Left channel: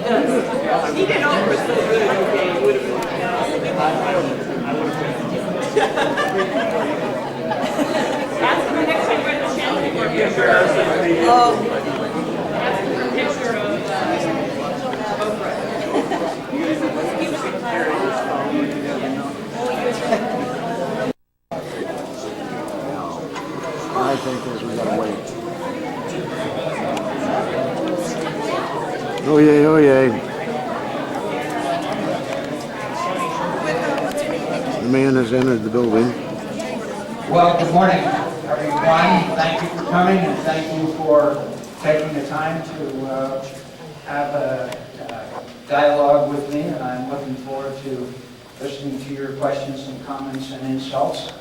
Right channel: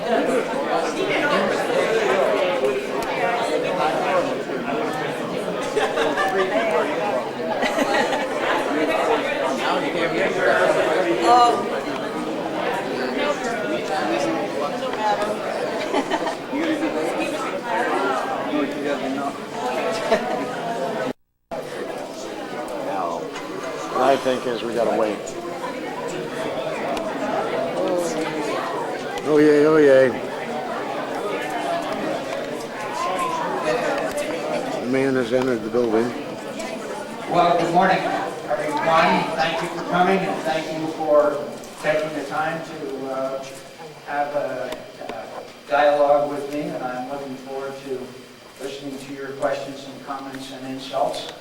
He did I think is we gotta wait. Oh yay, oh yay. The man has entered the building. Well, good morning, everyone. Thank you for coming, and thank you for taking the time to have a dialogue with me, and I'm looking forward to listening to your questions and comments and insults.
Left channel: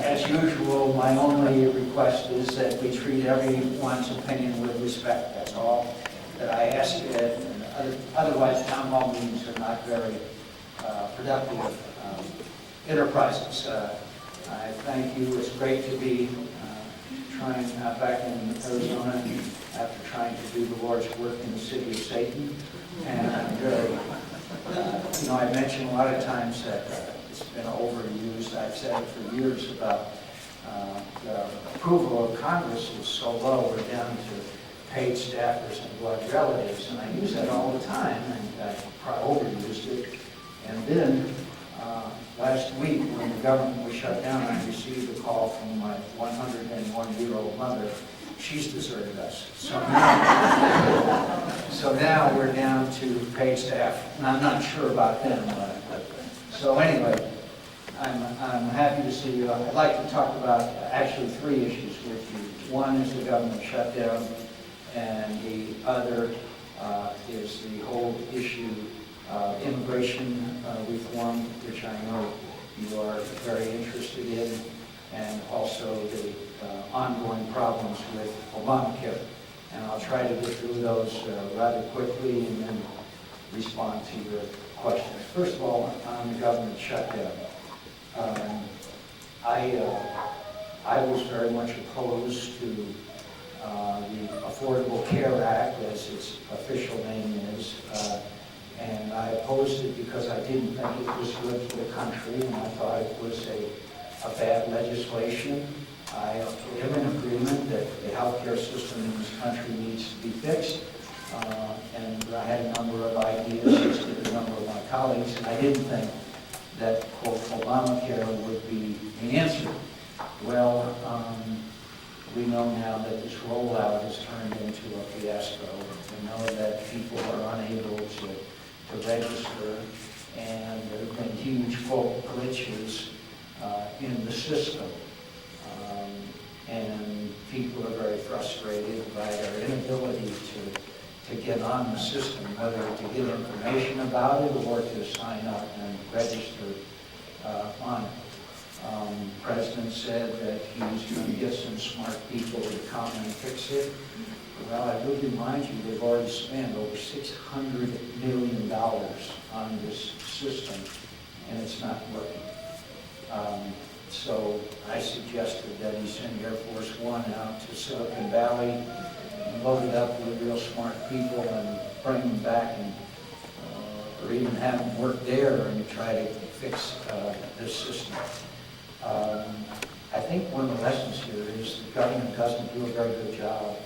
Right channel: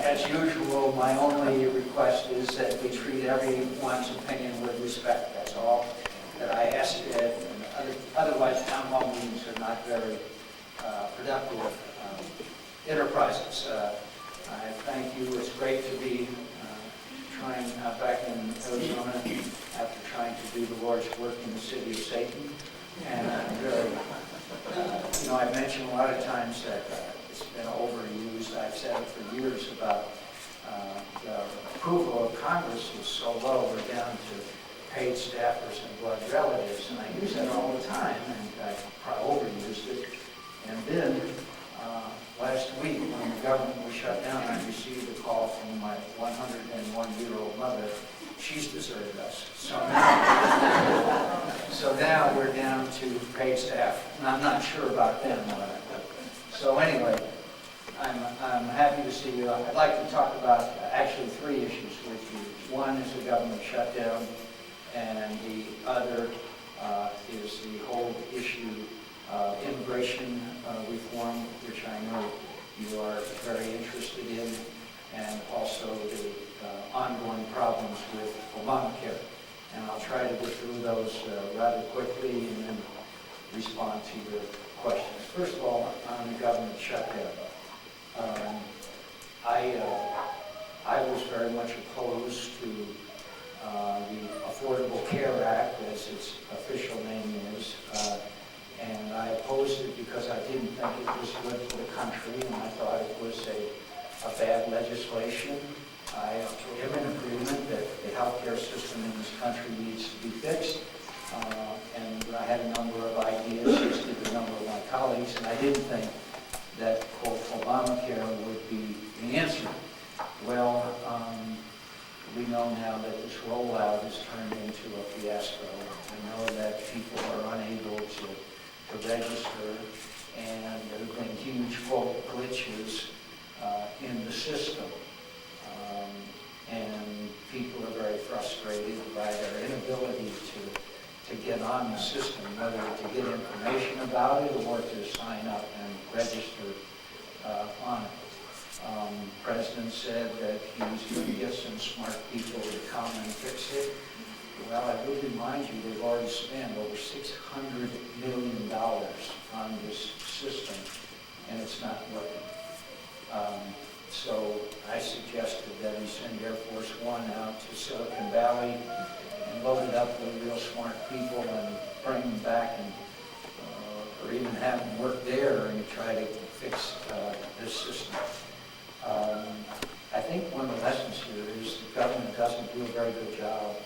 As usual, my only request is that we treat everyone's opinion with respect. That's all that I ask. Otherwise, town hall meetings are not very productive enterprises. I thank you. It's great to be trying back in Arizona after trying to do the Lord's work in the city of Satan. And I'm very, I mentioned a lot of times that it's been overused. I've said it for years about the approval of Congress is so low, we're down to paid staffers and blood relatives, and I use that all the time, and I probably overused it. And then last week, when the government was shut down, I received a call from my 101-year-old mother. She's deserted us. So now we're down to paid staff, and I'm not sure about them. So anyway, I'm happy to see you. I'd like to talk about actually three issues with you. One is the government shutdown, and the other is the whole issue of immigration reform, which I know you are very interested in, and also the ongoing problems with Obamacare. And I'll try to get through those rather quickly and then respond to your questions. First of all, on the government shutdown. I was very much opposed to the Affordable Care Act, as its official name is, and I opposed it because I didn't think it was good for the country, and I thought it was a bad legislation. I am in agreement that the healthcare system in this country needs to be fixed, and I had a number of ideas, as did a number of my colleagues, and I didn't think that, quote, Obamacare would be the answer. Well, we know now that this rollout has turned into a fiasco. We know that people are unable to register, and there have been huge, quote, glitches in the system. And people are very frustrated by their inability to get on the system, whether to get information about it or to sign up and register on it. The President said that he's going to get some smart people to come and fix it. Well, I would remind you, they've already spent over $600 million on this system, and it's not working. So I suggested that he send Air Force One out to Silicon Valley and load it up with real smart people and bring them back, and or even have them work there and try to fix this system. I think one of the lessons here is the government doesn't do a very good job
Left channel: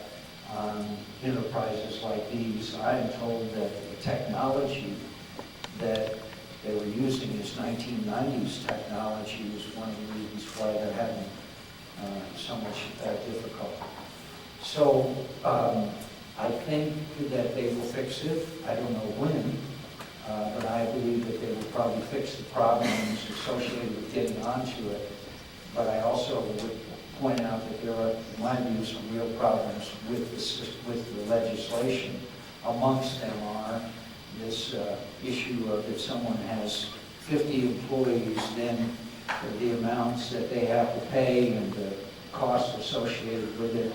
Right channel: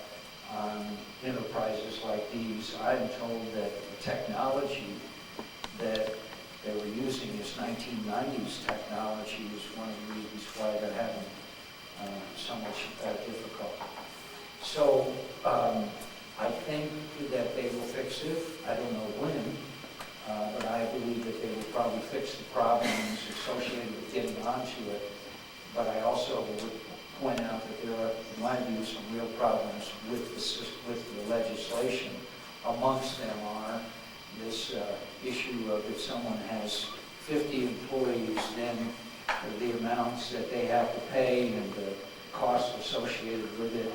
on enterprises like these. I am told that the technology that they were using is 1990s technology is one of the reasons why they're having so much difficulty. So I think that they will fix it. I don't know when, but I believe that they will probably fix the problems associated with getting onto it. But I also would point out that there are, in my view, some real problems with the legislation. Amongst them are this issue of if someone has 50 employees, then the amounts that they have to pay and the costs associated with it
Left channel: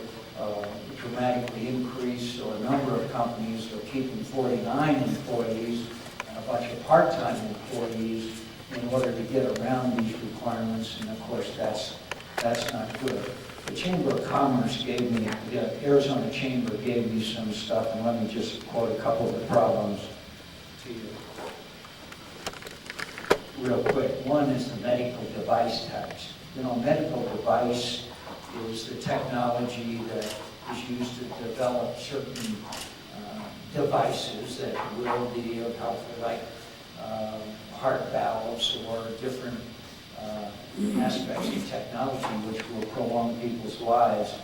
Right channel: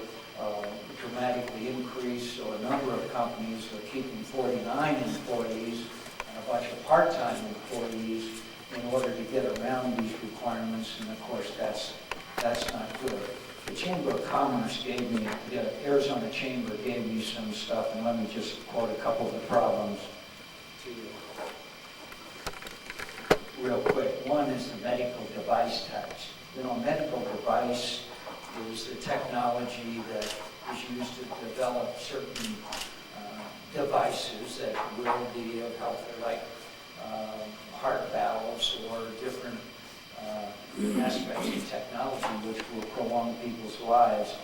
dramatically increase. So a number of companies are keeping 49 employees and a bunch of part-time employees in order to get around these requirements, and of course that's not good. the Chamber of Commerce gave me, the Arizona Chamber gave me some stuff, and let me just quote a couple of the problems to you real quick. One is the medical device tax. You know, medical device is the technology that is used to develop certain devices that will be of help, like heart valves or different aspects of technology which will prolong people's lives.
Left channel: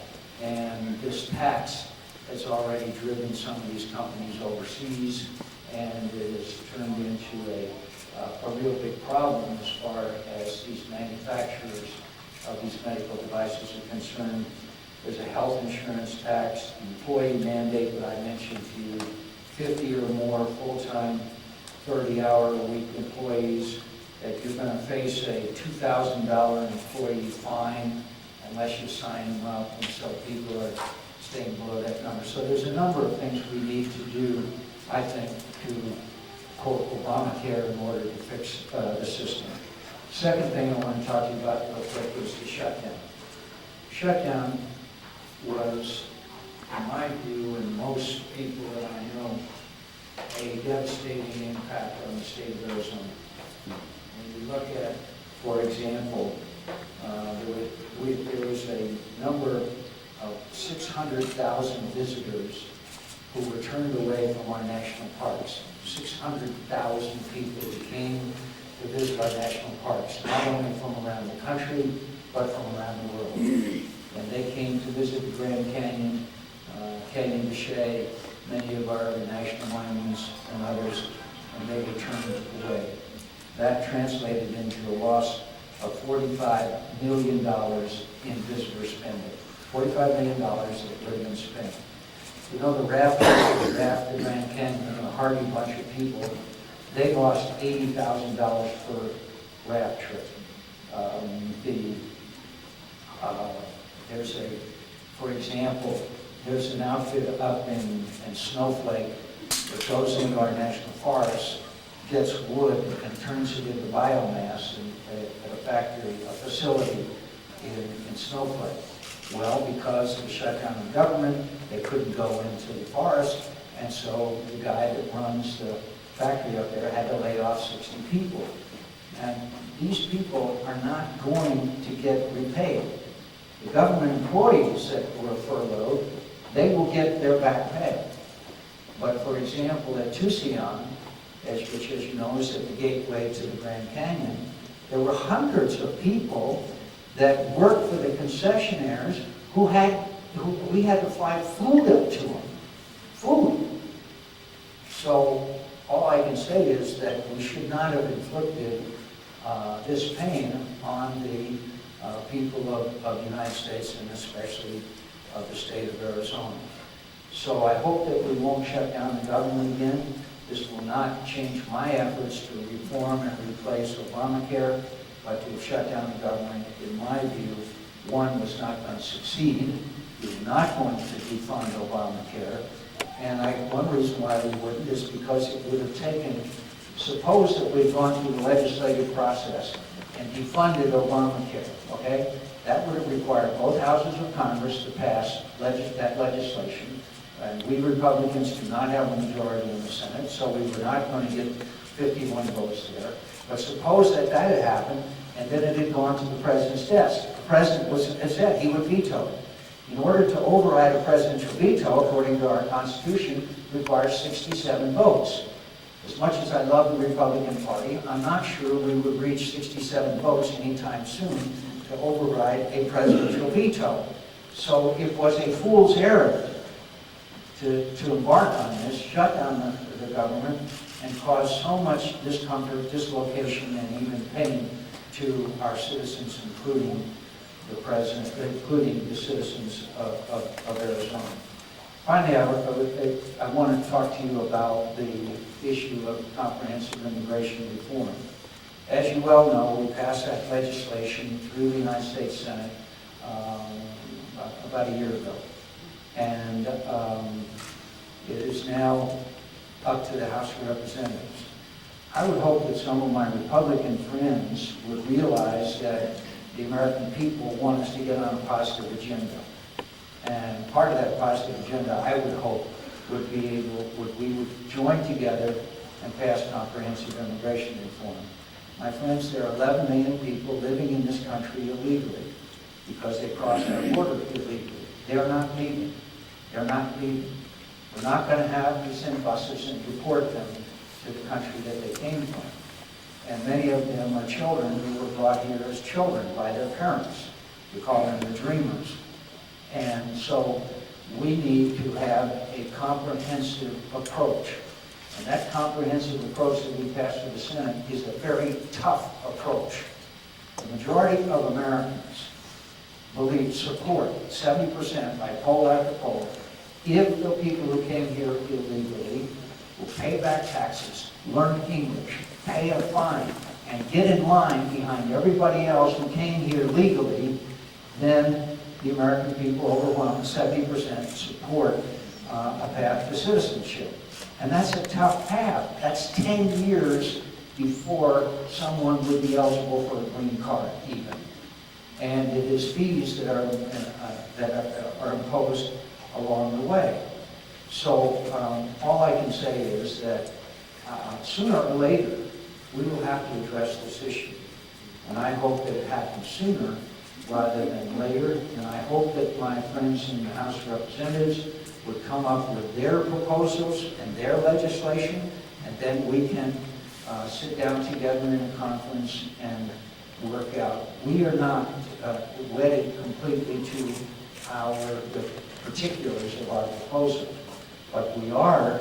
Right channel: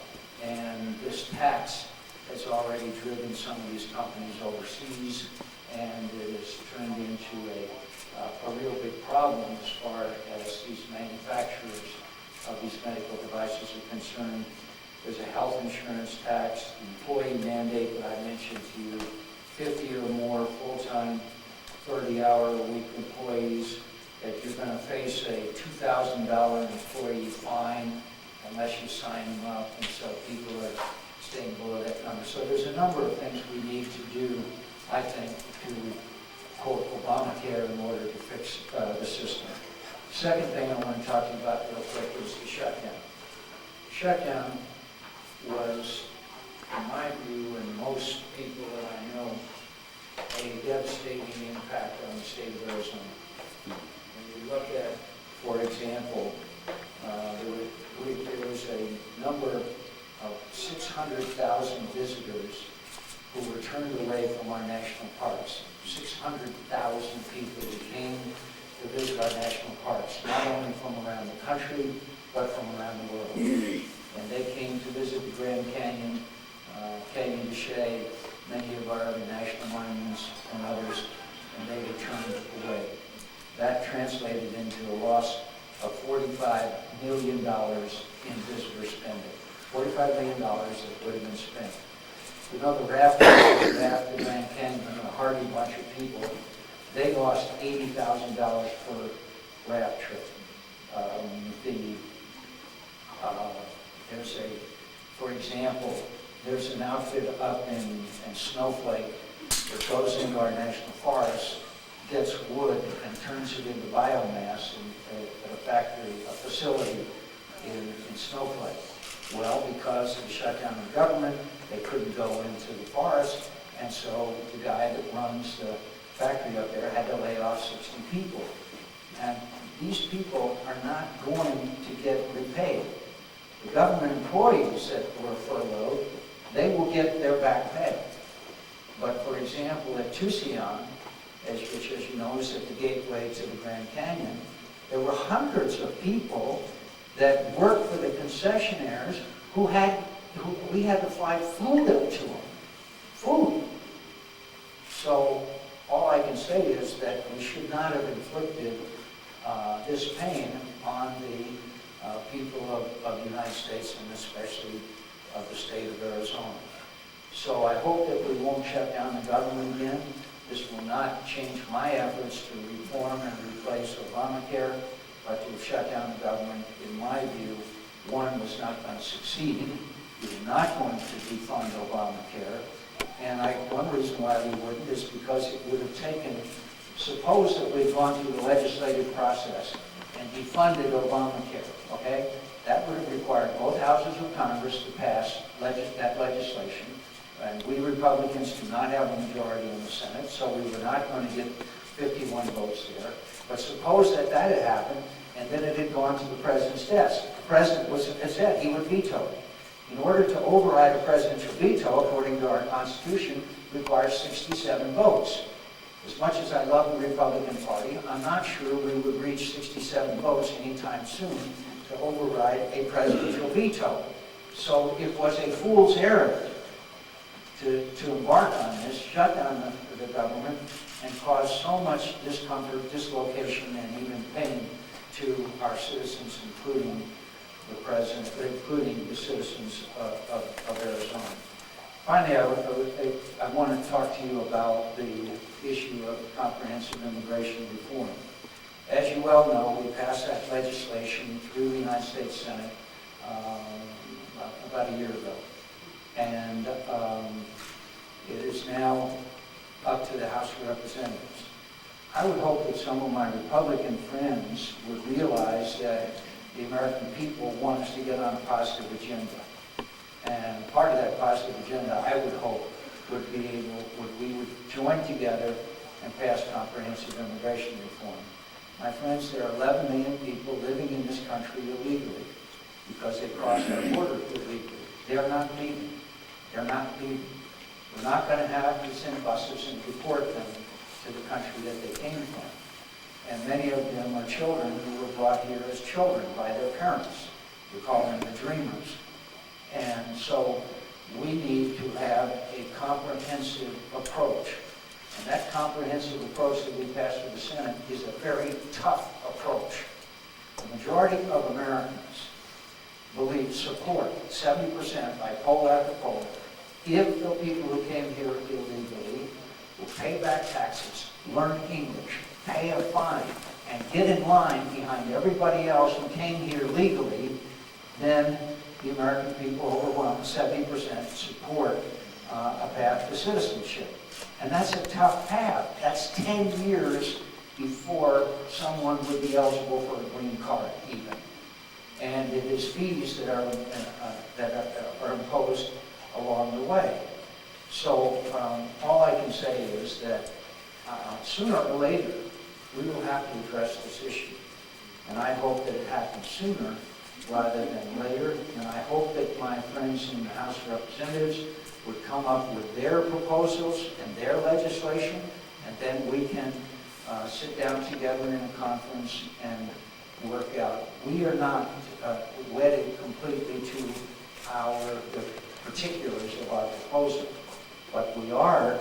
And this tax has already driven some of these companies overseas, and it has turned into a real big problem as far as these manufacturers of these medical devices are concerned. There's a health insurance tax, the employee mandate that I mentioned to you, 50 or more full-time, 30-hour-a-week employees, that you're going to face a $2,000 employee fine unless you sign them up, and so people are staying below that number. So there's a number of things we need to do, I think, to quote Obamacare in order to fix the system. Second thing I want to talk to you about real quick is the shutdown. Shutdown was, in my view, and most people that I know, a devastating impact on the state of Arizona. When you look at, for example, there was a number of 600,000 visitors who were turned away from our national parks. 600,000 people who came to visit our national parks, not only from around the country, but from around the world. And they came to visit the Grand Canyon, Canyon de Chelly, many of our other national monuments and others, and they were turned away. That translated into a loss of $45 million in visitor spending. $45 million that would have been spent. You know, the raft, the Grand Canyon, a hardy bunch of people, they lost $80,000 per raft trip. For example, there's an outfit up in Snowflake that goes into our national forests, gets wood and turns it into biomass at a factory, a facility in Snowflake. Well, because of the shutdown of government, they couldn't go into the forest, and so the guy that runs the factory up there had to lay off 60 people. And these people are not going to get repaid. The government employees that were furloughed, they will get their back pay. But for example, at Tucson, which as you know is at the gateway to the Grand Canyon, there were hundreds of people that worked for the concessionaires who we had to fly food up to them. Food. So all I can say is that we should not have inflicted this pain on the people of the United States, and especially of the state of Arizona. So I hope that we won't shut down the government again. This will not change my efforts to reform and replace Obamacare, but to have shut down the government, in my view, one, was not going to succeed. We were not going to defund Obamacare. And one reason why we wouldn't is because it would have taken, suppose that we'd gone through the legislative process and defunded Obamacare, okay? That would have required both houses of Congress to pass that legislation. And we Republicans do not have a majority in the Senate, so we were not going to get 51 votes there. But suppose that had happened, and then it had gone to the president's desk. The president had said he would veto it. In order to override a presidential veto, according to our Constitution, requires 67 votes. As much as I love the Republican Party, I'm not sure we would reach 67 votes anytime soon to override a presidential veto. So it was a fool's errand to embark on this, shut down the government, and cause so much discomfort, dislocation, and even pain to our citizens, including the president, including the citizens of Arizona. Finally, I want to talk to you about the issue of comprehensive immigration reform. As you well know, we passed that legislation through the United States Senate about a year ago. And it is now up to the House of Representatives. I would hope that some of my Republican friends would realize that the American people want us to get on a positive agenda. And part of that positive agenda, I would hope, we would join together and pass comprehensive immigration reform. My friends, there are 11 million people living in this country illegally because they crossed our border illegally. They're not leaving. They're not leaving. We're not going to have to send buses and deport them to the country that they came from. And many of them are children who were brought here as children by their parents. We call them the dreamers. And so we need to have a comprehensive approach. And that comprehensive approach that we passed through the Senate is a very tough approach. The majority of Americans support, 70% by poll after poll, if the people who came here illegally will pay back taxes, learn English, pay a fine, and get in line behind everybody else who came here legally, then the American people, overwhelming 70%, support a path to citizenship. And that's a tough path. That's 10 years before someone would be eligible for a green card, even. And it is fees that are imposed along the way. So all I can say is that sooner or later, we will have to address this issue. And I hope that it happens sooner rather than later. And I hope that my friends in the House of Representatives would come up with their proposals and their legislation, and then we can sit down together in a conference and work out. We are not wedded completely to the particulars of our proposal, but we are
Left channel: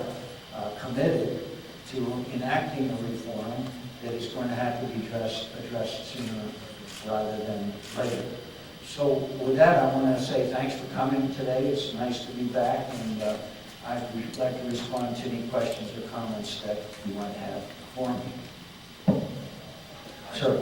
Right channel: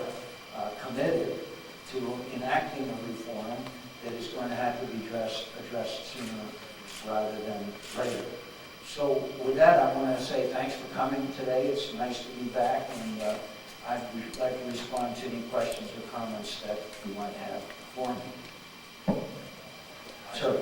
committed to enacting a reform that is going to have to be addressed sooner rather than later. So with that, I want to say thanks for coming today. It's nice to be back, and I'd like to respond to any questions or comments that you might have for me. Sir.